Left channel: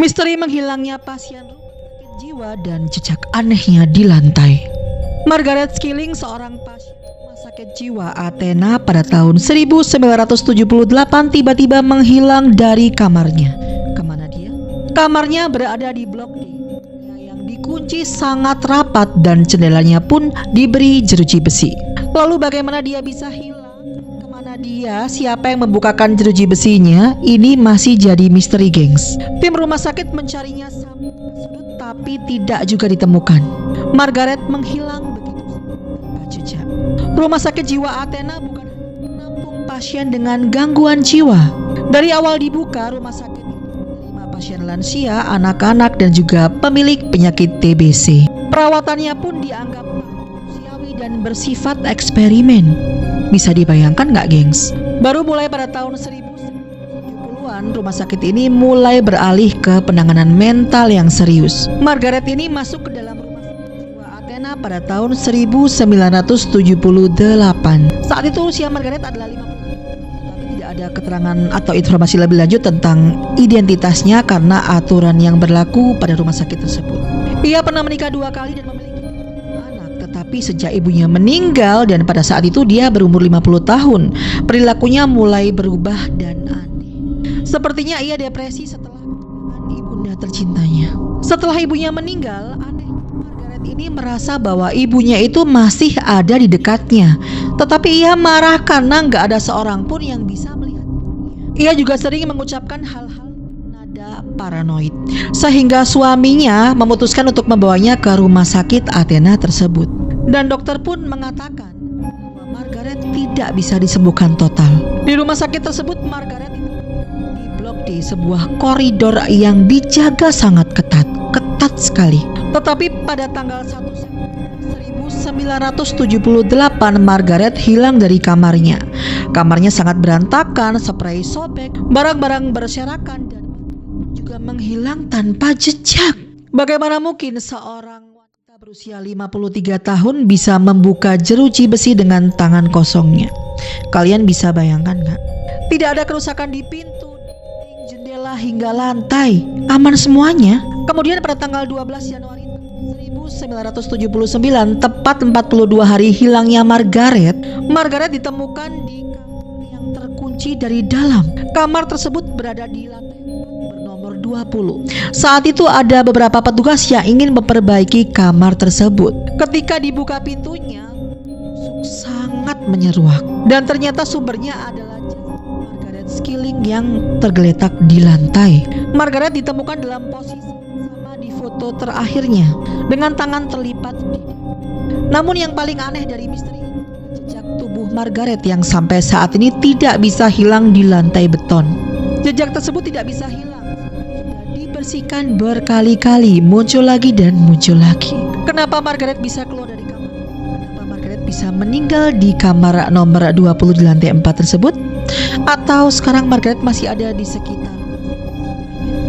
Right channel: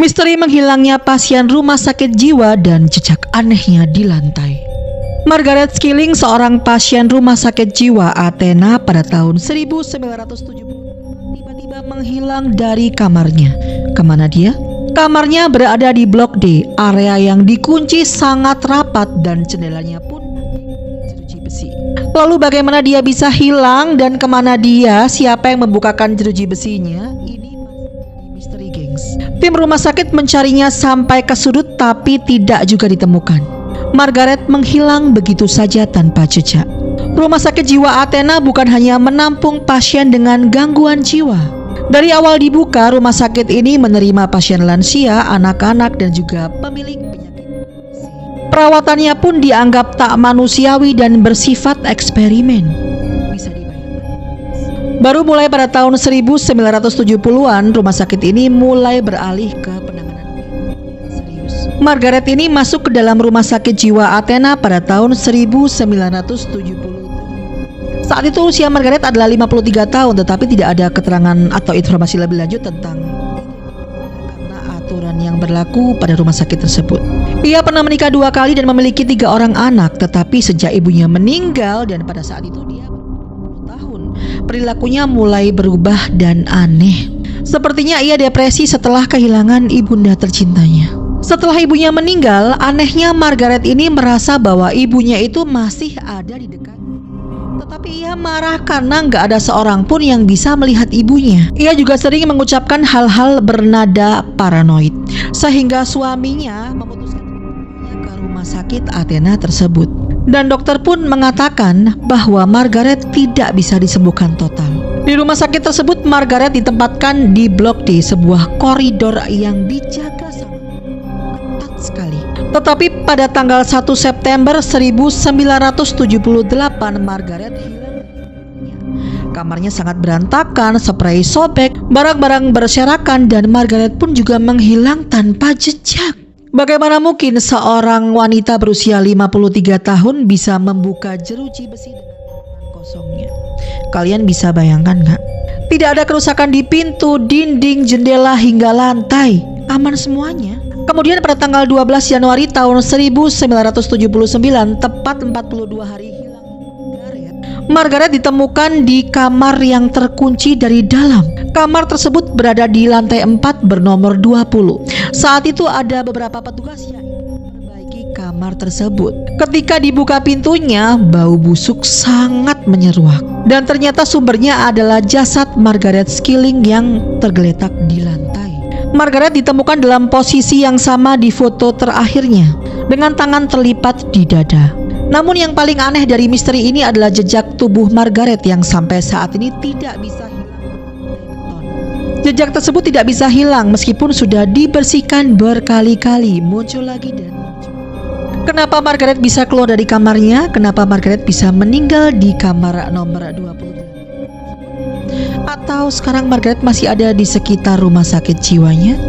Misteri menghilangnya pasien rumah sakit jiwa dan jejak anehnya di lantai. Margaret Skilling, seorang pasien rumah sakit jiwa Athena pada tahun 1978 tiba-tiba menghilang dari kamarnya. Kemana dia? Kamarnya berada di Blok D, area yang dikunci sangat rapat dan jendelanya pun diberi jeruji besi. Lalu bagaimana dia bisa hilang dan kemana dia? Siapa yang membukakan jeruji besinya? Ini masih jadi misteri, gengs. Tim rumah sakit mencarinya sampai ke sudut tapi tidak juga ditemukan. Margaret menghilang begitu saja tanpa jejak. Rumah sakit jiwa Athena bukan hanya menampung pasien dengan gangguan jiwa. Dari awal dibuka, rumah sakit ini menerima pasien lansia, anak-anak, dan juga pemilik penyakit TBC. Perawatannya pun dianggap tak manusiawi dan bersifat eksperimen. Bisa dibayangkan nggak, gengs? Baru mulai pada tahun 1970-an, rumah sakit ini mulai beralih ke penanganan mental yang serius. Margaret ini masuk ke dalam rumah sakit jiwa Athena pada tahun 1978. Saat itu usia Margaret adalah 53 tahun, tetapi tidak ada keterangan atau informasi lebih lanjut tentang identitasnya karena aturan yang berlaku pada rumah sakit tersebut. Ia pernah menikah 2 kali dan memiliki 3 orang anak, tetapi sejak ibunya meninggal dan pada saat itu dia berumur 50 tahun, perilakunya mulai berubah dan aneh. Sepertinya ia depresi setelah kehilangan ibunda tercintanya. Setelah ibunya meninggal, anehnya Margaret ini merasa bahwa ibunya itu masih ada di dekatnya. Tetapi ia marah karena nggak ada seorang pun yang bisa melihat ibunya. Ia juga sering mengucapkan hal-hal bernada paranoid, sehingga suaminya memutuskan untuk membawanya ke rumah sakit Athena tersebut. Dan dokter pun mengatakan bahwa Margaret tidak bisa disembuhkan total. Di rumah sakit tersebut, Margaret ditempatkan di Blok D, sebuah koridor yang dijaga sangat ketat sekali. Tetapi pada tanggal 1 September 1978, Margaret hilang dari kamarnya. Kamarnya sangat berantakan, sprei sobek, barang-barang berserakan, dan Margaret pun juga menghilang tanpa jejak. Bagaimana mungkin seorang wanita berusia 53 tahun bisa membuka jeruji besi dengan tangan kosongnya? Kalian bisa bayangkan nggak? Tidak ada kerusakan di pintu, dinding, jendela, hingga lantai. Aman semuanya. Kemudian pada tanggal 12 Januari tahun 1979, tepat 42 hari hilangnya Margaret ditemukan di kamar yang terkunci dari dalam. Kamar tersebut berada di lantai 4 bernomor 20. Saat itu ada beberapa petugas yang ingin memperbaiki kamar tersebut. Ketika dibuka pintunya, bau busuk sangat menyeruak. Dan ternyata sumbernya adalah jasad Margaret Skilling yang tergeletak di lantai. Margaret ditemukan dalam posisi yang sama di foto terakhirnya, dengan tangan terlipat di dada. Namun yang paling aneh dari misteri ini adalah jejak tubuh Margaret yang sampai saat ini tidak bisa hilang di lantai beton. Jejak tersebut tidak bisa hilang meskipun sudah dibersihkan berkali-kali, muncul lagi dan muncul lagi. Kenapa Margaret bisa keluar dari kamarnya? Kenapa Margaret bisa meninggal di kamar nomor 20 di lantai 4 tersebut? Atau sekarang Margaret masih ada di sekitar rumah sakit jiwanya?